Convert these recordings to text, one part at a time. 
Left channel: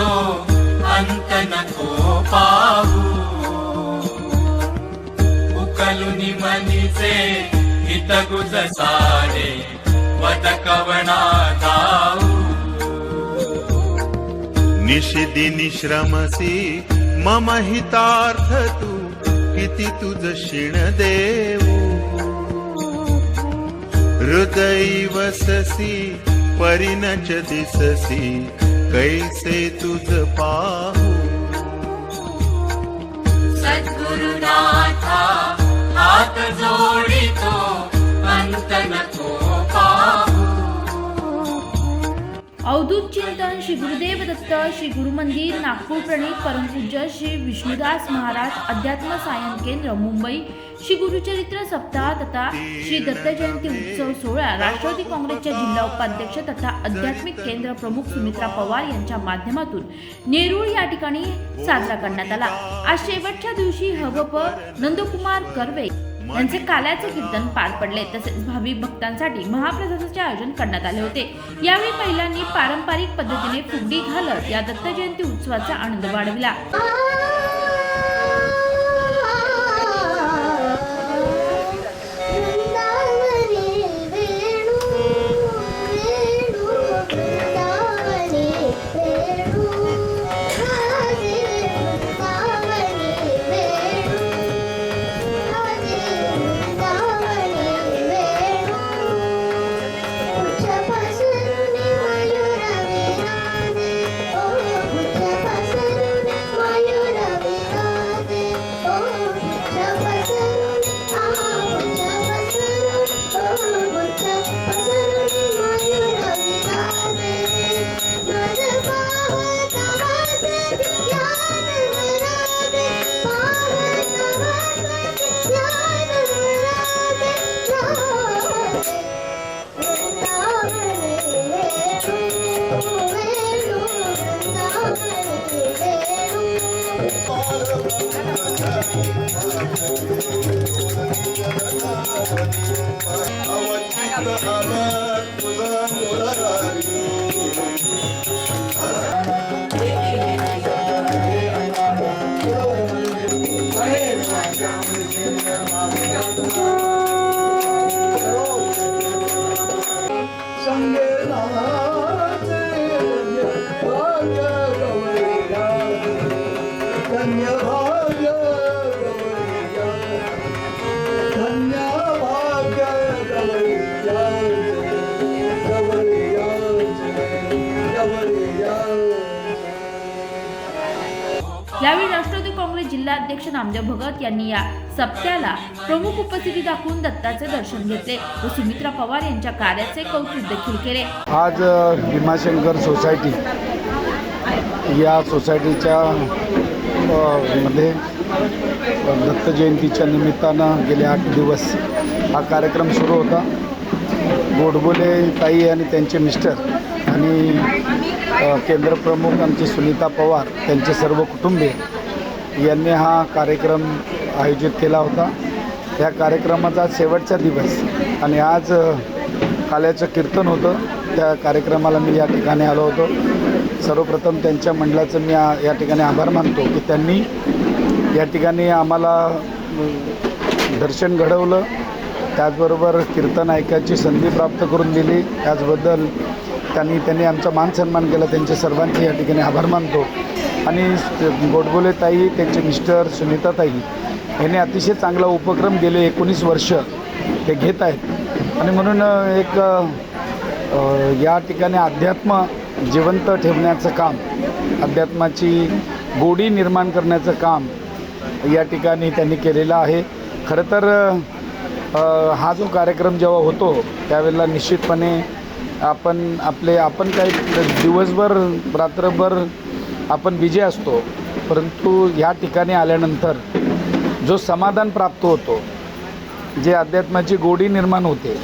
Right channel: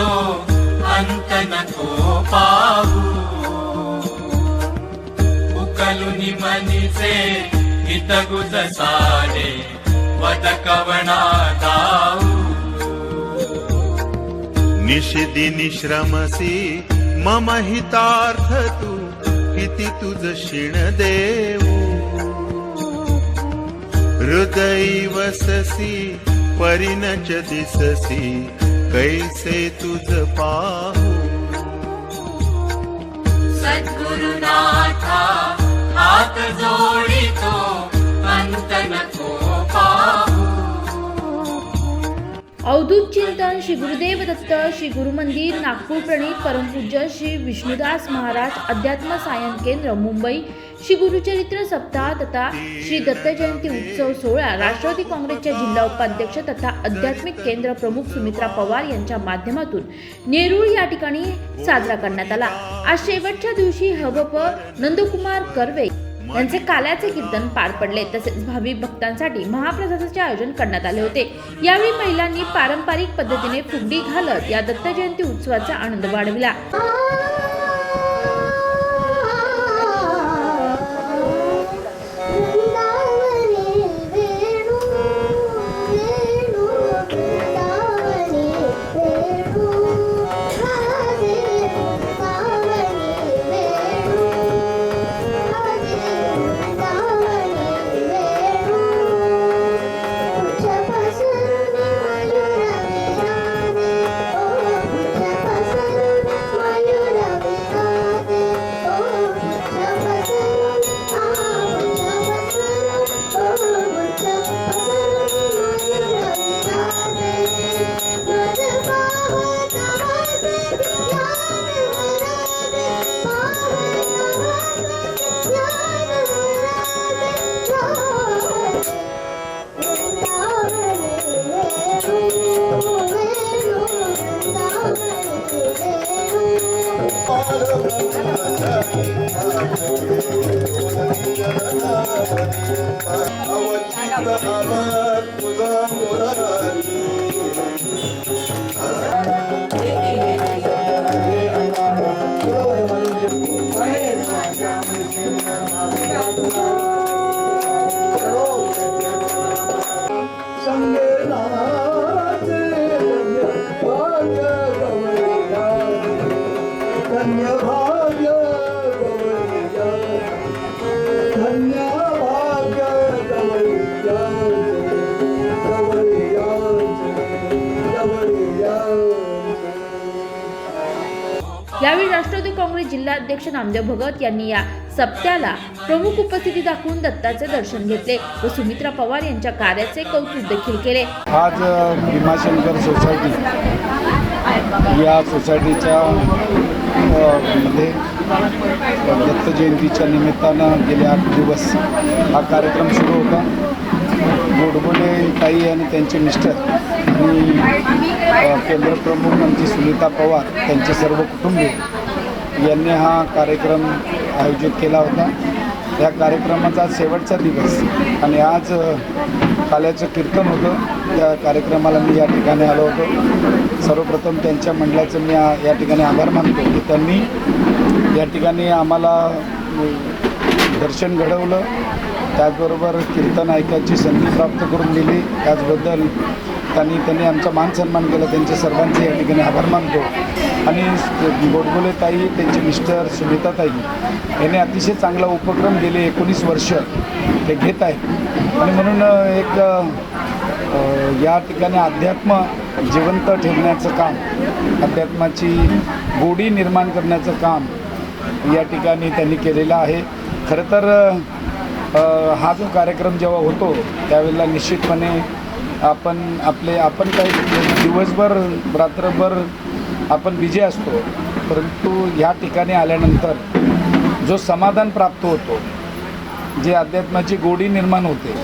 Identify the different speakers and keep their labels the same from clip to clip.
Speaker 1: तो अंत नको पाहू उकलुनी मनीचे हितगुज सारे वद कवणा जाऊ
Speaker 2: निषिदिनी श्रमसी मम हितार्थ तू किती तुझ शिण देऊ हृदयी वससी परिणच दिससी कैसे तुझ पाहू?
Speaker 1: सद्गुरुनाथा हात जोडितो अंत नको पाहू
Speaker 3: अवधूत चिंतन श्री गुरुदेव दत्त श्री गुरुमंदिर नागपूर प्रणीत परमपूज्य श्री विष्णुदास महाराज अध्यात्म सायन केंद्र मुंबई श्री गुरुचरित्र सप्ताह तथा श्री दत्त जयंती उत्सव सोहळा राष्ट्रवादी काँग्रेसच्या जिल्हा उपाध्यक्ष तथा आध्यात्मिक केंद्र प्रमुख सुमित्रा पवार यांच्या माध्यमातून नेरूळ या ठिकाणी साजरा करण्यात आला. आज शेवटच्या दिवशी हवप नंदकुमार कर्वे यांचे काल्याचे कीर्तन पार पडले. तसेच भाविक भक्तांसाठी महाप्रसादाचे आयोजन करण्यात आले होते. यावेळी महिलांनी पारंपरिक पद्धतीने फुगडी घालत या दत्त जयंती उत्सवाचा आनंद वाढविला.
Speaker 4: Murat, Murat, Murat.
Speaker 3: यावेळी राष्ट्रवादी काँग्रेस जिल्हाध्यक्ष नामदेव भगत यांनी या सप्त्याला प्रमुख उपस्थिती दाखवून दत्ताचे दर्शन घेतले व सुमित्रा पवार यांच्या कार्याचे कौतुक देखील केले.
Speaker 5: आज भीमाशंकर सोसायटी या सोसायटीच्या मध्ये दत्त जयंतीच्या निमित्तानं गेले आठ दिवस हा कार्यक्रम सुरू होता. गोडबोले ताई आणि त्यांचे मिस्टर आणि अ, केंद्रप्रमुख आमची सुनीता पवार त्यांचे सर्व कुटुंबीय यांनी हा कार्यक्रम आयोजित केला होता. या कार्यक्रमाचा आज शेवटचा दिवस आणि आज काल्याचं कीर्तन होतं. त्या कार्यक्रमाला मी या ठिकाणी आलो होतो. सर्वप्रथम त्यांच्या मंडळाचं मी या ठिकाणी आभार मानतो की त्यांनी या ठिकाणी आम्हाला दर्शन घडवलं. त्याचबरोबर कीर्तन ऐकायची संधी प्राप्त करून दिली. त्याचबद्दल त्यांनी त्यांनी आमचा मान सन्मान केला त्यांच्या सर्वांचे या ठिकाणी आभार मानतो. आणि गोडबोले ताई त्यांचे मिस्टर सुनीता ताई यांनी अतिशय चांगला उपक्रम गेले एकोणीस वर्ष ते घेत आहेत. आणि म्हणून एक या ठिकाणी अध्यात्म जिवंत ठेवण्याचं काम अध्यात्माची गोडी निर्माण करण्याचं काम या ठिकाणी त्यांनी केलेलं आहे. खरं तर हा जो कार्यक्रम जेव्हा होतो त्यावेळेला निश्चितपणे आपण आपले आपण काही दिवसभर रात्रभर आपण विजय असतो. परंतु ह्या ठिकाणी आल्यानंतर जो समाधान प्राप्त होतो जे अध्यात्माची गोडी निर्माण होते.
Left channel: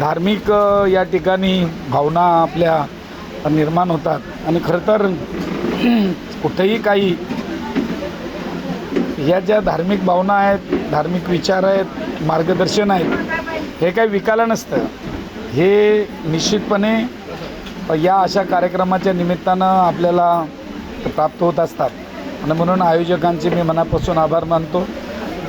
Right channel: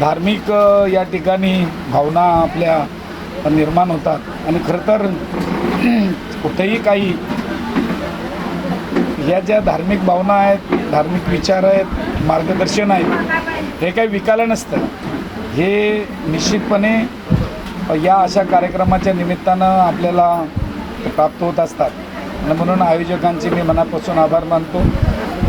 Speaker 5: धार्मिक या ठिकाणी भावना आपल्या निर्माण होतात. आणि खरं तर कुठेही काही ह्या ज्या धार्मिक भावना आहेत धार्मिक विचार आहेत मार्गदर्शन आहेत हे काही विकायला नसतं. हे निश्चितपणे या अशा कार्यक्रमाच्या निमित्तानं आपल्याला प्राप्त होत असतात. आणि म्हणून आयोजकांचे मी मनापासून आभार मानतो.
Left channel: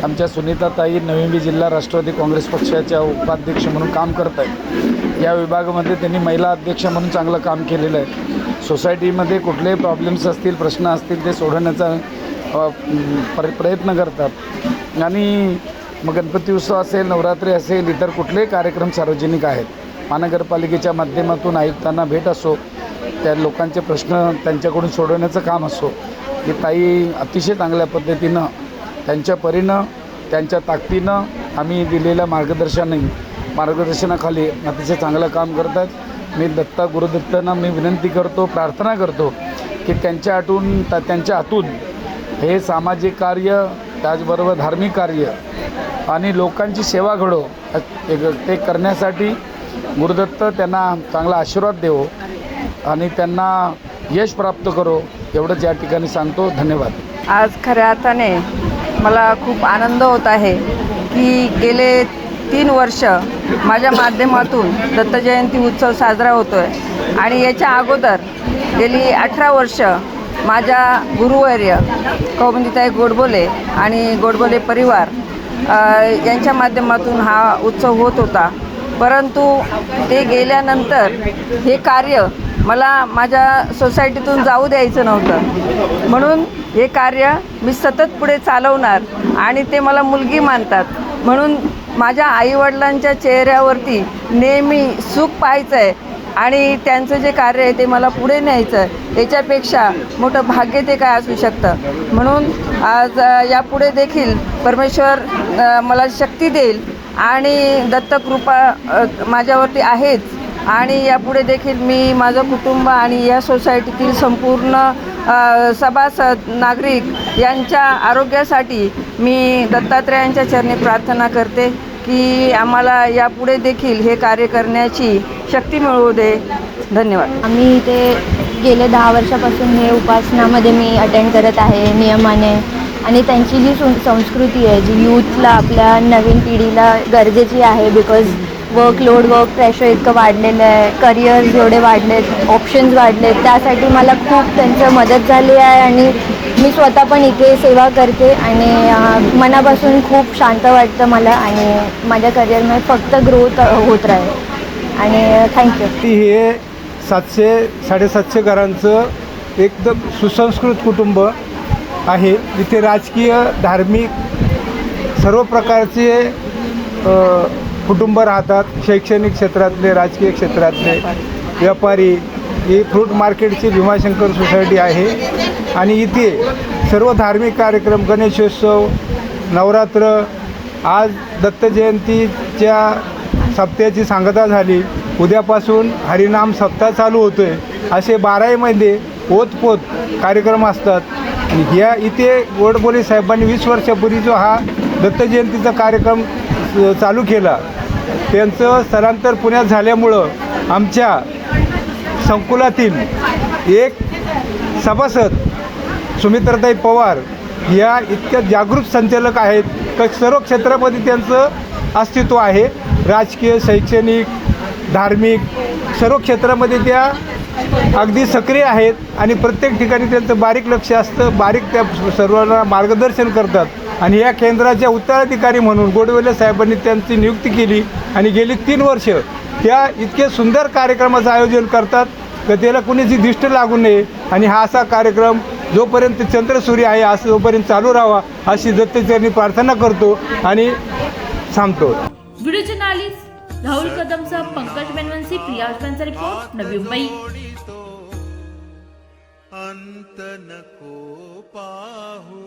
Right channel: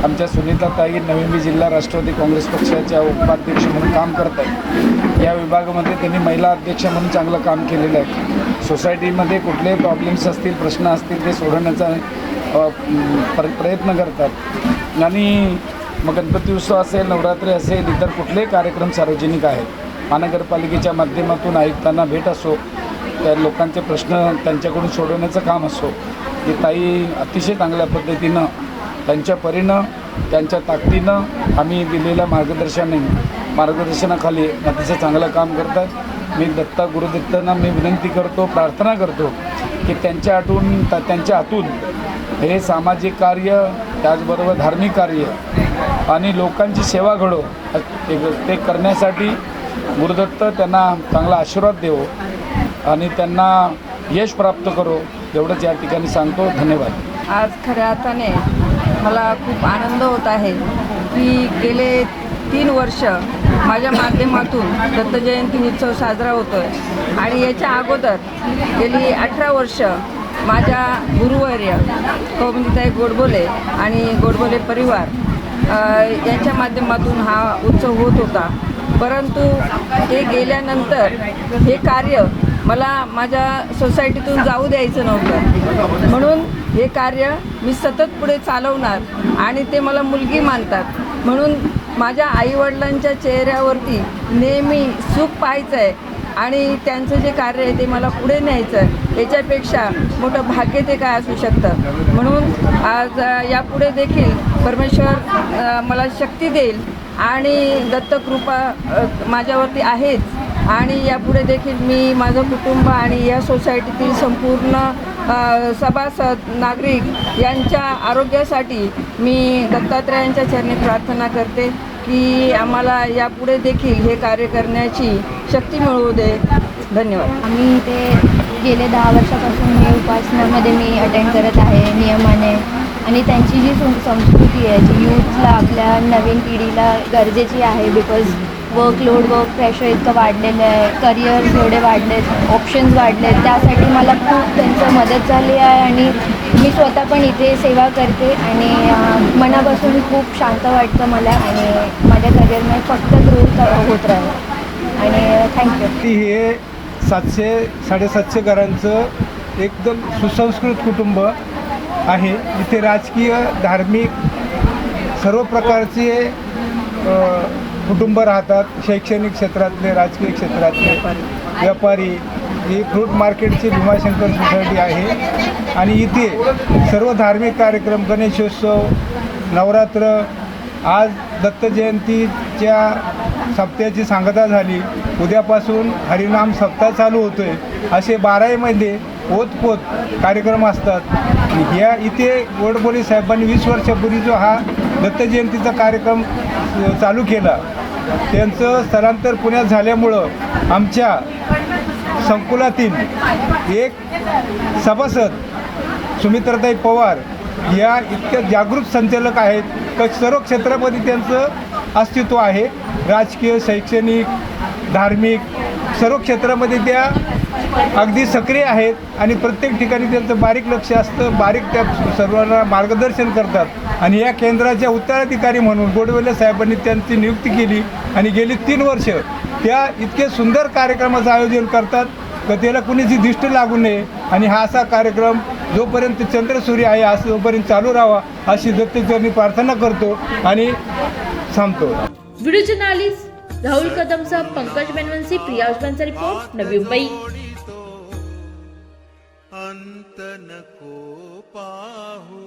Speaker 5: आमच्या सुनीताताई नवी जिल्हा राष्ट्रवादी काँग्रेस पक्षाच्या उपाध्यक्ष म्हणून काम करत आहेत या विभागामध्ये त्यांनी महिला अध्यक्ष म्हणून चांगलं काम केलेलं आहे. सोसायटीमध्ये कुठलेही प्रॉब्लेम्स असतील प्रश्न असतील ते सोडवण्याचा प्रयत्न करतात. आणि मग गणपती उत्सव असेल नवरात्री असेल इतर कुठलेही कार्यक्रम सार्वजनिक आहेत. महानगरपालिकेच्या माध्यमातून आयुक्तांना भेट असो त्या लोकांचे प्रश्न त्यांच्याकडून सोडवण्याचं काम असो ते ताई अतिशय चांगल्या पद्धतीनं त्यांच्या परीनं त्यांच्या ताकदीनं आम्ही दिलेल्या मार्गदर्शनाने मार्गदर्शनाखाली अतिशय चांगलं काम करतात. मी दत्ता गुरुदत्तांना मी विनंती करतो प्रार्थना करतो की त्यांच्या आतून त्या- त्यांच्या आतून हे सामाजिक कार्य त्याचबरोबर धार्मिक कार्य आणि लोकांची सेवा घडो ते करण्यासाठी गुरुदत्त त्यांना चांगला आशीर्वाद देवो आणि त्यांना यश प्राप्त करो एवढंच या ठिकाणी सांगतो. धन्यवाद.
Speaker 6: आज खऱ्या अर्थाने मला खूप आनंद होत आहे की गेले तीन वर्ष माझ्या माध्यमातून दत्तजयंती उत्सव साजरा होतो आहे आणि याच्या अगोदर गेली अठरा वर्ष माझ्या गुरुवर्य कौमुदीताई गोडबोले आणि गोडबोले परिवार यांच्या माध्यमातून हा उत्सव होत होता. परंतु ते गेल्यानंतर हे कार्य मला माझ्या सोसायटीतून जाऊ द्यायचं नव्हतं. म्हणून हे कार्य मी सतत पुढे चालवणार आणि ते मला मुलगी मानतात. म्हणून माझ्या आईवडिलांच्या चेहऱ्यावरती नेहमी सुख पाहायचं आहे आणि त्यांचं जे कार्य आहे ते मला पुढे न्यायचं त्याच्यापेक्षा याच्यापेक्षा मोठं भाग्य ते काय असू शकतं? म्हणून आज यापुढे देखील परमेश्वर मला शक्ती देईल आणि दत्तकृपा माझ्यावरती आहेच. आणि यापुढे देखील मी माझं कुटुंब आणि या सोसायटीतील संपूर्ण सभासद नागरिक यांच्या आरोग्यासाठी मी दत्तात्रयांच्या चरणी प्रार्थना करते. की आम्हाला यापुढे देखील हे कार्य करण्याची शक्ती मिळवू दे. धन्यवाद.
Speaker 7: आम्ही इथे गेले दहा वर्षापासून हे उपासनामध्ये मी अटेंड करत आहे नियमाने. आणि त्यांची जी सं- संस्कृती आहे जी यूथला आपल्या नवीन पिढीला गरजेची आहे बिकॉज वर्कलोड वर्क प्रेशर इतकं वाढलेलं आहे. करिअर्स वाढले वाढलेत ऑप्शन्स वाढलेत त्यासाठी मला खूप त्यांचं मदत झाली आहे आणि मी स्वतः पण इथे सेवा करते आणि मनापासून खूप शांत वाटतं मला आणि माझ्या करिअरमध्ये फक्त ग्रोथ होत राहील. आणि थँक्यू
Speaker 4: ती हे सातशे साडेसातशे घरांचं एकदम सुसंस्कृत कुटुंब आहे. इथे राजकीय धार्मिक सर्व प्रकारचे कुटुंब राहतात शैक्षणिक क्षेत्रातले राजकीय क्षेत्रातले व्यापारी ही फ्रूट मार्केटची भीमाशंकर सोसायटी आहे. आणि इथे सर्व धार्मिक कार्यक्रम गणेशोत्सव नवरात्र आज दत्तजयंतीच्या सप्त्याची सांगता झाली. उद्यापासून हरिनाम सप्ताह चालू होतो आहे असे बाराही महिने ओतपोत कार्यक्रम असतात. या इथे गोडबोले साहेबांनी वीस वर्षापूर्वी जो हा दत्तजयंतीचा कार्यक्रम चालू केला. त्यांचं स्थलांतर पुण्यात झाल्यामुळं आमच्या संकुलातील एक सभासद सुमित्रताई पवार या इतक्या जागृत संचालक आहेत. तर सर्व क्षेत्रामध्ये त्यांचं अस्तित्व आहे. राजकीय शैक्षणिक धार्मिक सर्व क्षेत्रामध्ये त्या अगदी सक्रिय आहेत आणि प्रत्येक ठिकाणी त्यांचं बारीक लक्ष असतं. बारीक त्या सर्वांना मार्गदर्शन करतात. आणि या केंद्राच्या उत्तराधिकारी म्हणून गोडवेले साहेबांनी त्यांची नियुक्ती केली आणि गेली तीन वर्ष त्या इतके सुंदर कार्यक्रमाचं आयोजन करतात तर त्याला कुणीची दिष्ट लागू नये. आणि हा असा कार्यक्रम जोपर्यंत चंद्रसूर्य आहे असं जोपर्यंत चालू राहावा अशी दत्तचरणी प्रार्थना करतो आणि थांबतो
Speaker 3: व्हिडिओ जर्नालिस्ट राहुल पंकज बेनवंशी प्रिया उस्मानचा रिपोर्ट नवी मुंबई.
Speaker 2: अंत नको पाहू.